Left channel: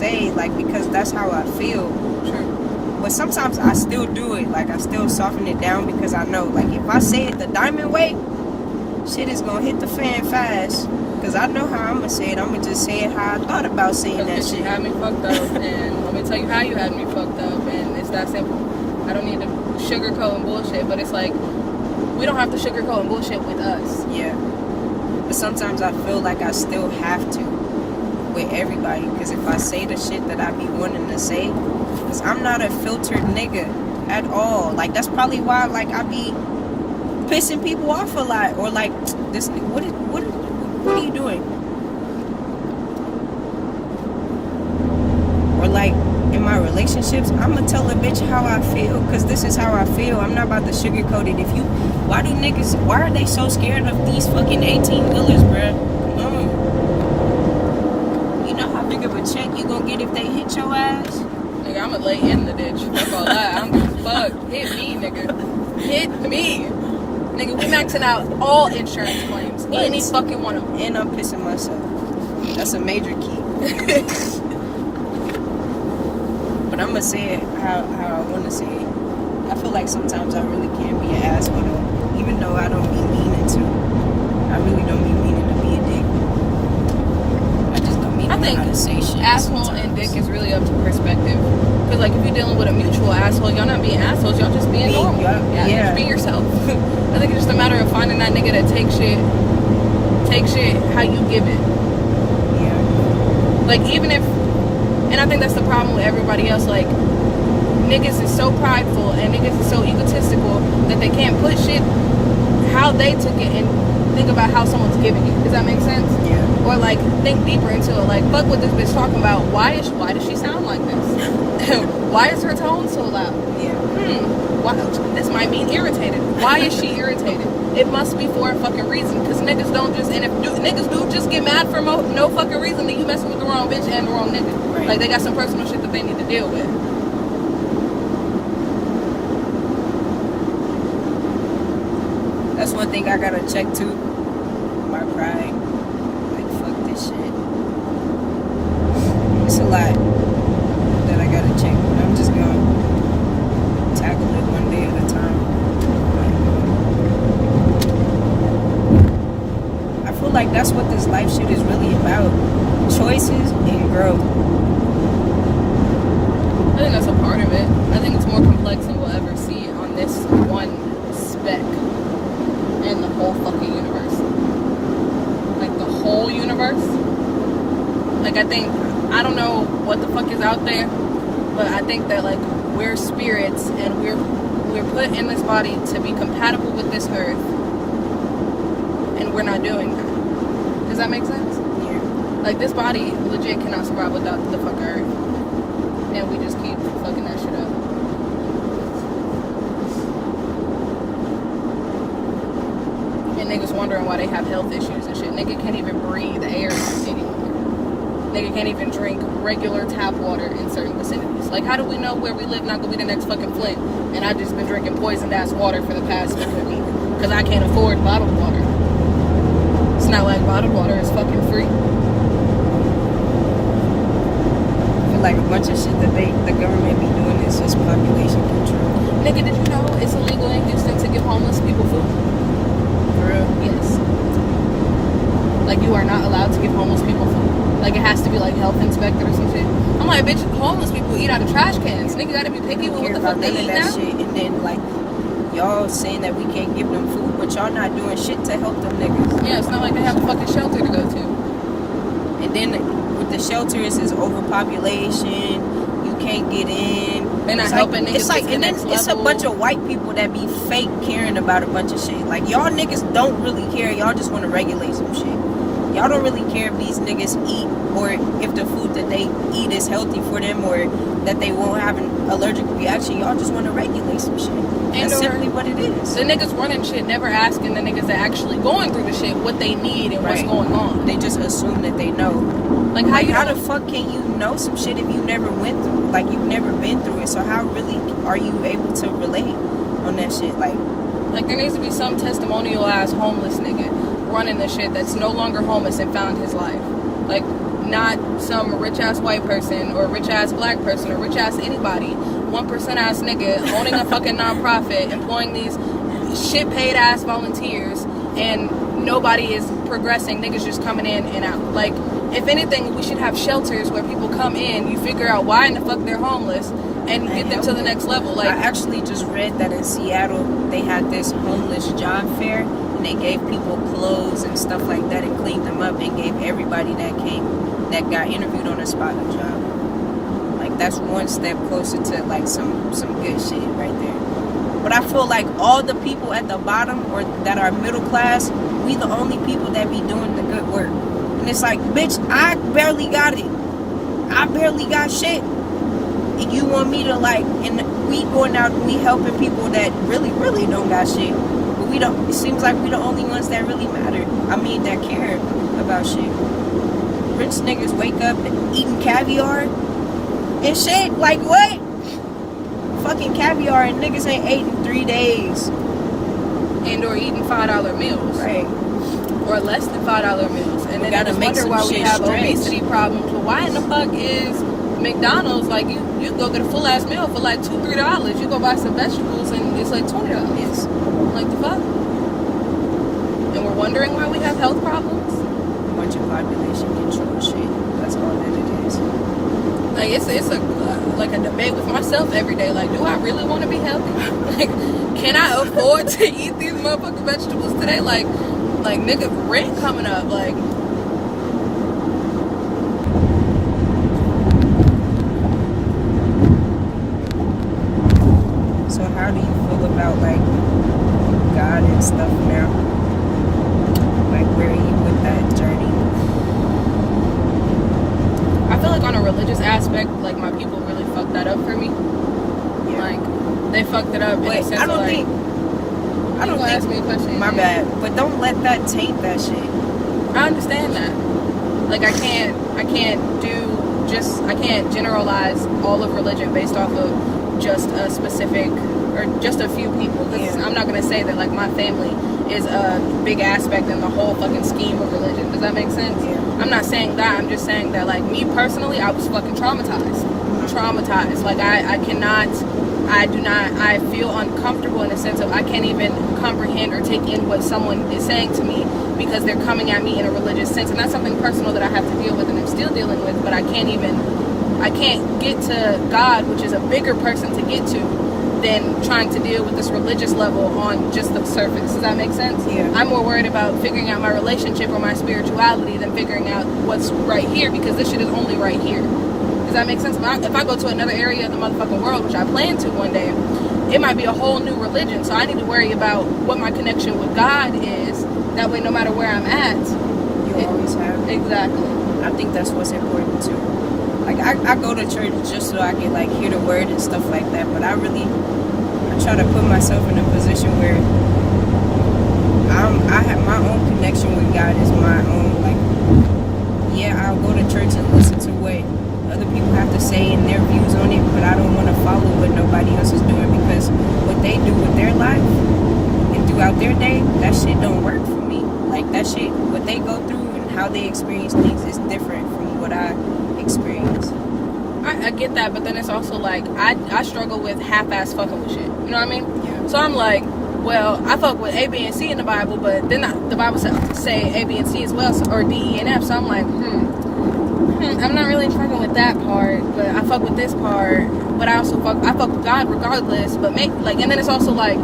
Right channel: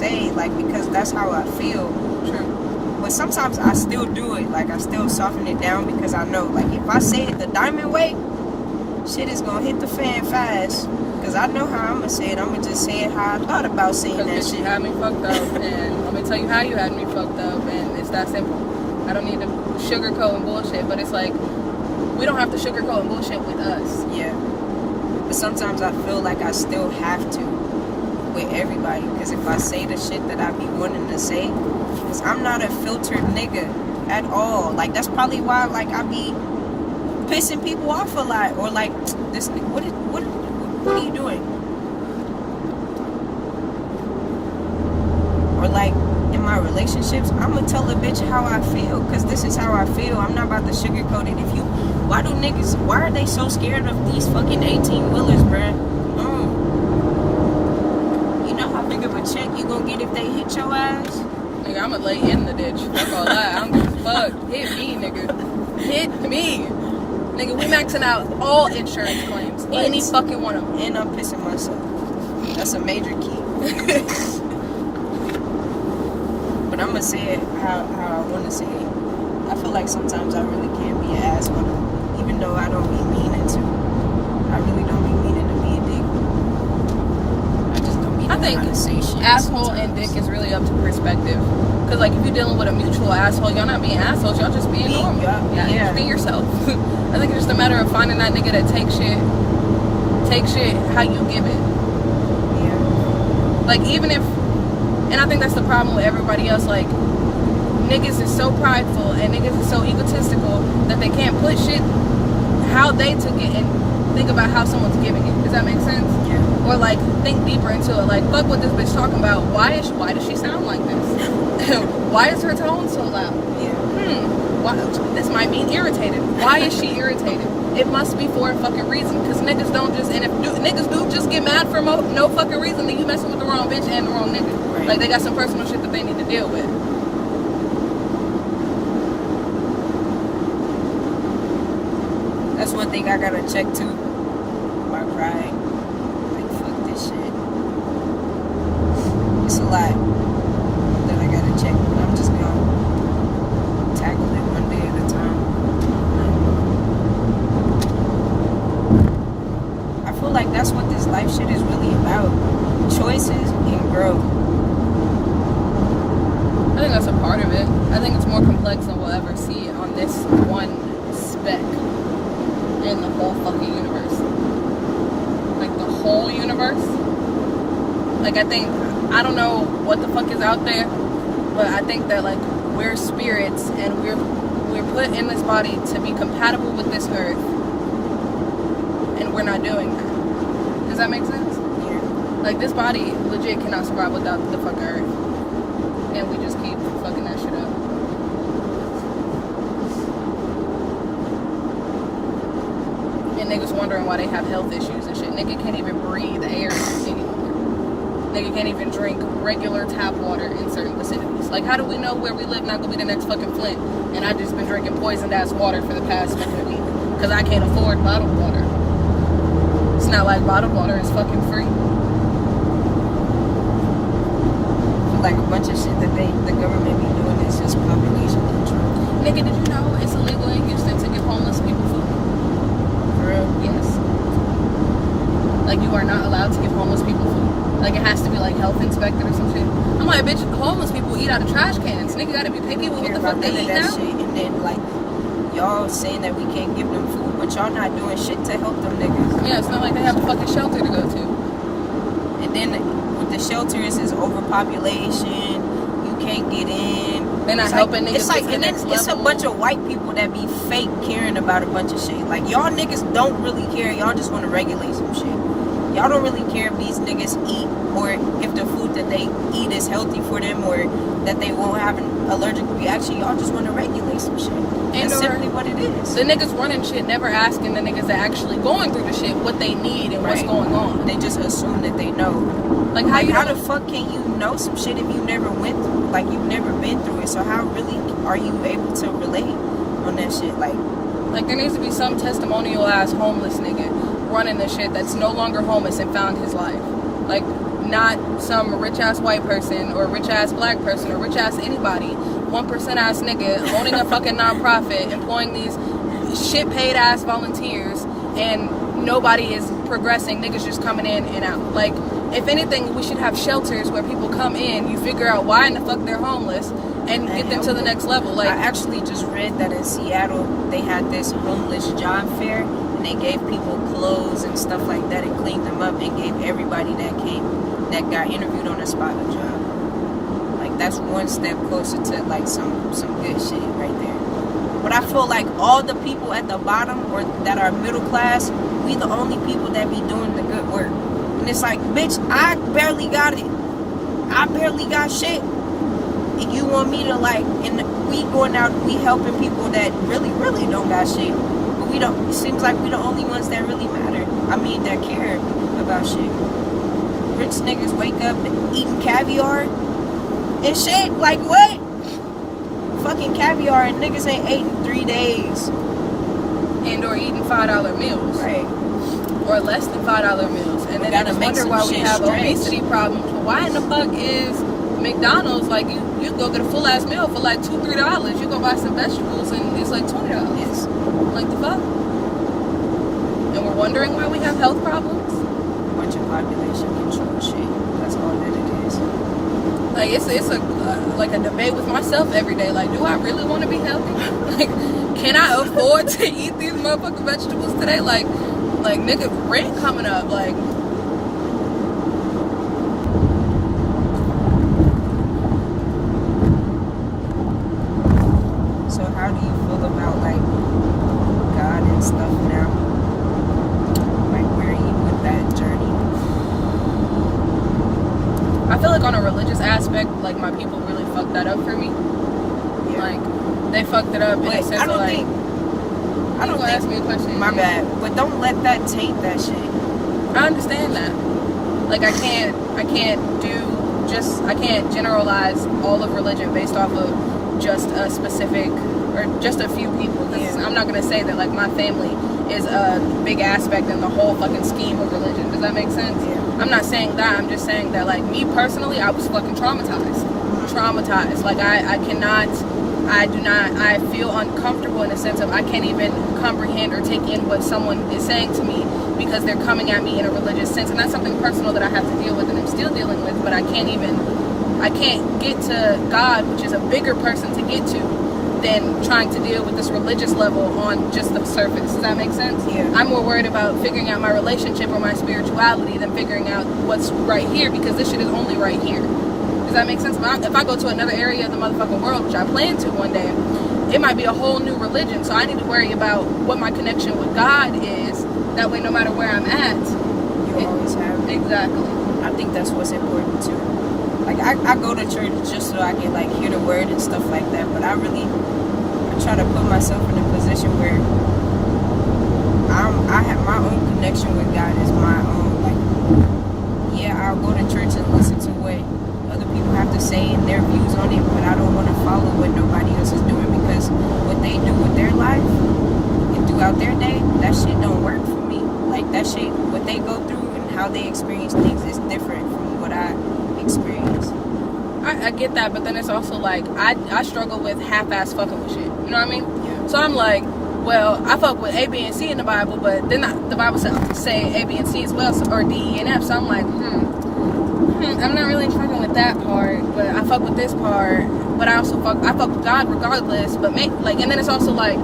say, like, because that's how I feel. True. But sometimes I still do it. Like, I still soften it down because I know, like, if I say it the diamond way, shit is gonna hit the fan fast. Because I know how I'm gonna say it. I'm gonna just say it how I thought about saying that shit. You had me fucked up, and let me tell you how you had me fucked up, and it's that simple. I don't need to sugarcoat and bullshit, but it's like, we don't have to sugarcoat and bullshit with us. Yeah. But sometimes I feel like I still have to with everybody. Because if I say the shit that I be wanting to say, because I'm not a filtered nigga at all. Like, that's probably why, like, I be pissing people off a lot. Or, like, this, what are you doing? Or, like, in my relationships, I'm gonna tell a bitch how I feel, because this is how I feel. I'm not about to sugarcoat it. Why are they so scared of these fucking 18-wheelers, bruh? You know how big of a check you gonna get if they hit your ass? Nigga, I'ma lay in the ditch. Fuck all that. I don't give a fuck. Hit me, nigga. Hit me. Nigga, we maxing out all insurance claims. Any fucking one of them. And I'm pissing myself. That's a major key. But I'm gonna say it how I want to say it. I feel like sometimes I really can be an asshole, even though I don't be meaning to. I really don't be meaning to be a dick. I just don't mean to say shit. Asshole and dick is really up to perspective. Because, like, if you're dealing with a mutual asshole, y'all not being assholes, y'all just being normal. Yeah. Just be yourself. I think it's just a matter of finding that nigga that takes shit how you give it. Yeah. Like, even if, and I think that's the problem with everybody else, like, niggas is so prideful and niggas is so egotistical that they can't put shit how they took it and think about how someone's giving it. Does that make sense? Yeah. Or, like, think deeper into it. Like, fuck what this bitch talking about. Why does she sound like this? Why is her tone so loud? Yeah. This might mean irritated. Why is she irritated? It must be for a fucking reason. Because niggas don't just, and if niggas do just get mad for no fucking reason, then you messing with the wrong bitch and the wrong nigga. Right. Like, they got some personal shit that they need to deal with. That's one thing I gotta check too. My pride. Like, fuck this shit. It's a lot that I gotta check. I'm just gonna tackle it one day at a time. I feel like that's what this life shit is really about. Choices and growth. I think that's a part of it. I think it's more complex than we'll ever see on this one speck in the whole fucking universe. Like, the whole universe. Like, I don't know what the fuck is out there, but I think that, like, we're spirits and we're put in this body to be compatible with this earth, and we're not doing that. Does that make sense? Yeah. Like, this body legit cannot survive without the fucking earth, and we just keep fucking that shit up. Niggas wondering why they have health issues and shit. Nigga can't even breathe air anymore. Nigga can't even drink regular tap water in certain vicinities. Like, how do we know where we live not gonna be the next fucking Flint? And I just been drinking poisoned ass water for the past week because I can't afford bottled water. It's not like bottled water is fucking free. I feel like a bunch of shit that the government be doing is just population control. Nigga, did you know it's illegal in Houston to give homeless people food? Yes. Like, you are not allowed to give homeless people food. Like, it has to be like health inspected or some shit. I'm like, bitch, homeless people eat out of trash cans. Nigga gotta be picky with what the fuck they eat now. Shit. And then, like, y'all saying that we can't give them food, but y'all not doing shit to help them niggas. Yeah, it's not like they have a fucking shelter to go to. And then with the shelters, it's overpopulation. You can't get in. They're not helping niggas. It's like, and then it's a bunch of white people that be fake caring about a bunch of shit. Like, y'all niggas don't really care. Y'all just want to regulate some shit. Y'all don't really care if these niggas eat or if the food that they eat is healthy for them or that they won't have an allergic reaction. Y'all just want to regulate some shit. That's simply what it is. The niggas running shit never asking the niggas that actually going through the shit what they need and what's going on. They just assume that they know. Like, how the fuck can you know some shit if you never went through it? Like, you've never been through it. So how really are you able to relate on that shit? Like, there needs to be some testimonial ass homeless nigga running the shit that's no longer homeless and found his life. Like, not some rich-ass white person or rich-ass black person or rich-ass anybody, 1% ass nigga owning a fucking nonprofit, employing these shit-paid-ass volunteers, and nobody is progressing. Niggas just coming in and out. Like, if anything, we should have shelters where people come in, you figure out why in the fuck they're homeless, and get them to the next level. Like, I actually just read that in Seattle they had this homeless job fair, and they gave people clothes and stuff like that and cleaned them up and gave everybody that got interviewed on the spot a job. Like, that's one step closer to like some good shit right there. But I feel like all the people at the bottom or that are middle class, we the only people that be doing the good work. And it's like, bitch, I barely got it. I barely got shit. And you want me to like, and we going out, we helping people that really don't got shit. We don't, it seems like we the only ones that really matter. I mean, that care about shit. Rich niggas wake up eating caviar and shit. Like, what? Fucking caviar, and niggas ain't ate in 3 days. And or eating $5 meals. Right. Or less than $5 meals. And then gotta I make wonder some why we shit have stretch. obesity problems. But why in the fuck is McDonald's, like, you go get a full ass meal for like $2-3. You go buy some vegetables and it's like $20. Yes. Like, the fuck? And we're wondering why we have health problems? A bunch of population control shit. That's all that it is. Like, it's like a debate with myself every day. Like, do I really want to be healthy? Like, can I afford to eat these motherfucking vegetables today? Like nigga, rent coming up. Like, So how do you feel about like God and stuff now? Like, where are you with that journey? I feel like on a religious aspect, like, my people really fucked that up for me. Yeah. Like, they fucked it up in But the sense I don't of, like, think. I don't ask me think. a question. My bad. But don't let that taint that shit. I understand that. Like, I can't generalize all of religion based off of just a specific or just a few people. Yeah. I'm not gonna say that like my family is a big aspect in the whole fucking scheme of religion. Does that make sense? Yeah. I'm not saying that. I'm just saying that, like, me personally, I was fucking traumatized. Like, I feel uncomfortable in the sense of I can't even comprehend or take in what someone is saying to me because they're coming at me in a religious sense. And that's something personal that I have to deal with and I'm still dealing with, but I can't get to God, which is a bigger person to get to than trying to deal with this religious level on just the surface. Does that make sense? Yeah. I'm more worried about figuring out my relationship or my spirituality than figuring out what's right here, because this shit is only right here. Does that make sense? If I go to another area of the motherfucking world, which I plan to one day, it might be a whole new religion. So I need to worry about what my connection with God is. That way, no matter where I'm at, You always have. exactly. I think that's what's important too. Like, I go to church just so I can like hear the word and stuff like that, but I try to put myself in a position where I have my own connection with God is my own. Like, yeah, I'll go to church and listen to what other people have to say and their views on it, but I don't want to follow what nobody else is doing, because what they do with their life and throughout their day, that shit don't work for me. Like, that shit, what they go through and how they experience things is different from what I experience. I get that, but then it's also like I struggle with half-ass fucking with shit. You know what I mean? Yeah. So I'm like, well, I fuck with A, B, and C in the Bible, but then the Bible say A, B, and C as well, or D, E, and F. So I'm like, I'm not really fucking with that part, but I fuck with this part. But I fuck with God regardless. But and then it's also like,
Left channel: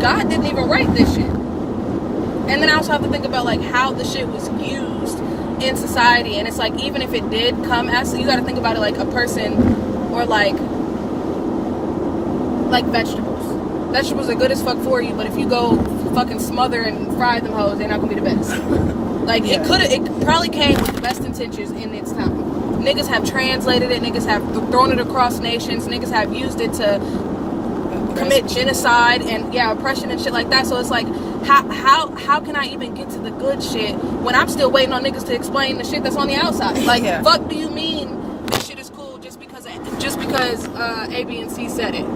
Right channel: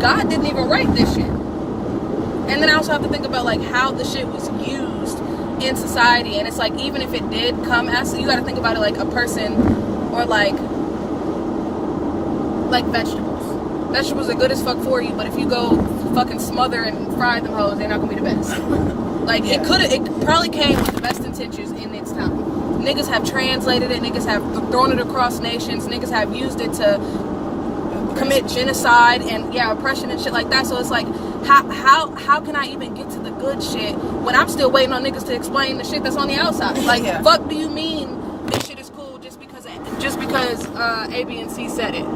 God didn't even write this shit. And then I also have to think about like how the shit was used in society, and it's like, even if it did come as, you got to think about it like a person, or like vegetables are good as fuck for you, but if you go fucking smother and fry them hoes, they're not gonna be the best. Like, Yeah. it probably came with the best intentions in its time. Niggas have translated it, niggas have thrown it across nations, niggas have used it to commit genocide and oppression and shit like that. So it's like, how can I even get to the good shit when I'm still waiting on niggas to explain the shit that's on the outside? Like, fuck do you mean this shit is cool just because A, B, and C said it?